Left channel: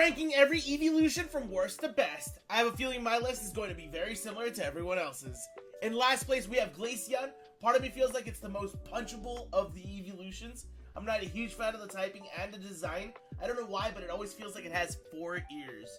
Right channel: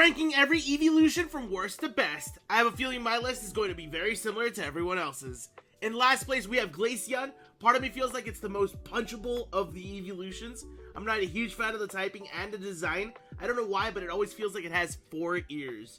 Ranking every Eeveelution from worst to best, I have a feeling my list is going to be very similar to everyone else's. In last place, we have Glaceon. Part of me feels like it's the most punchable of the Eeveelutions. I'm not a huge fan of the typing and the design. I don't know why, but it always feels like it has 4 ears.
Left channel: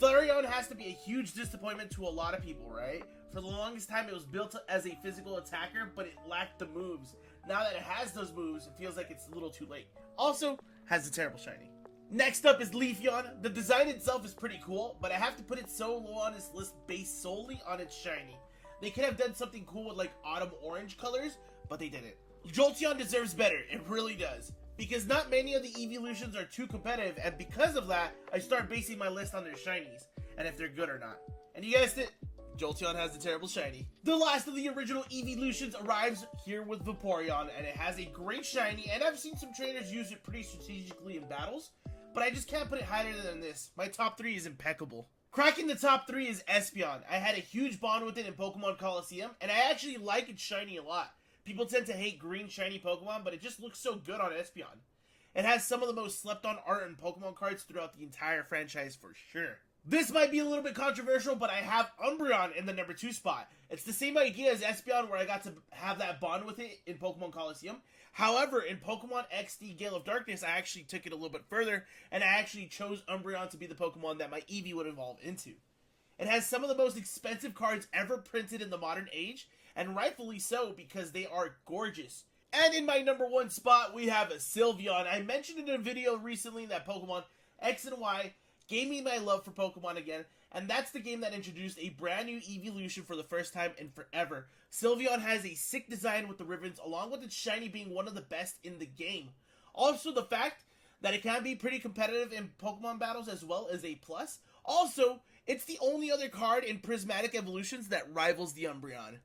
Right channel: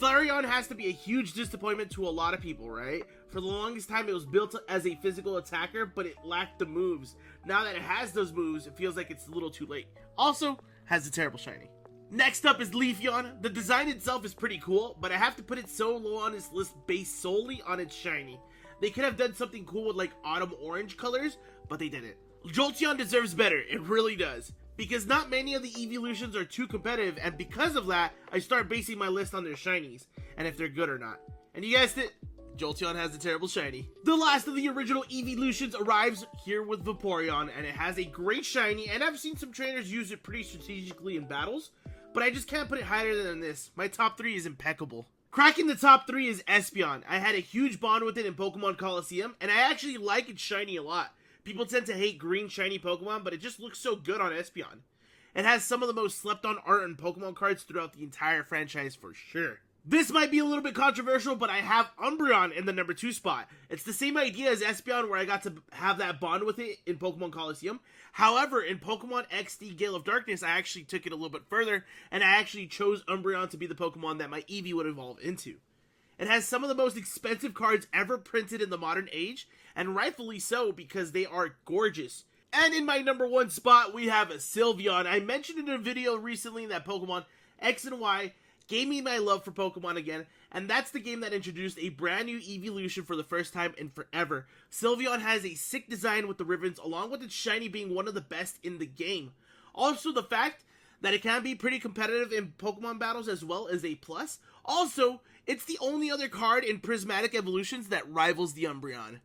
Flareon has to be a huge disappointment to a lot of people, right? For the longest time, it was built as a physical attacker, but it lacked the moves. Now that it has those moves, it feels like it's a little too late. Also, has a terrible shiny. Next up is Leafeon. The design itself is pretty cool, but I have to put it so low on this list based solely on its shiny. They could have done something cool with like autumn orange colors, but they didn't. Jolteon deserves better, it really does. Because not many of the Eeveelutions are too competitive, and because of that, I start basing my list on their shinies, and if they're good or not. And you guessed it, Jolteon has a terrible shiny. The last of the original Eeveelutions arrives here with Vaporeon, and it has a great shiny, and I've seen some trainers use it pretty strategically in battles, but I just can't put it higher than this. My top 3 is impeccable. Cracking the top 3 is Espeon. I had a huge bond with it in Pokemon Coliseum, and I actually like its shiny a lot. People tend to hate green shiny Pokemon, but it just looks so good on Espeon. It has some of the most slept on art in Pokemon cards throughout the entire franchise for sure. This might be a little bit controversial, but I have Umbreon in the number 2 spot. It's the same idea as Espeon, where I got to have that bond with it in Pokemon Coliseum. However, in Pokemon XD Gale of Darkness, I actually took it a little bit further, and I actually chose Umbreon to be the Pokemon that my Eevee would evolve into. It has some of the most expensive cards ever printed in the modern age, and rightfully so, because they are gorgeous. And in my number 1 spot, we have a Sylveon. I mentioned in a video recently that Pokemon X and Y gave me my love for Pokemon again, and that's the game that introduced a brand new Eeveelution for the first time in forever. Sylveon has a sick design with the ribbons, along with its shiny being one of the best in the game. Also, the fact that it can be pretty competitive in Pokemon battles as well as a plus. Also, it's the only other card in Prismatic Evolutions that rivals the Umbreon.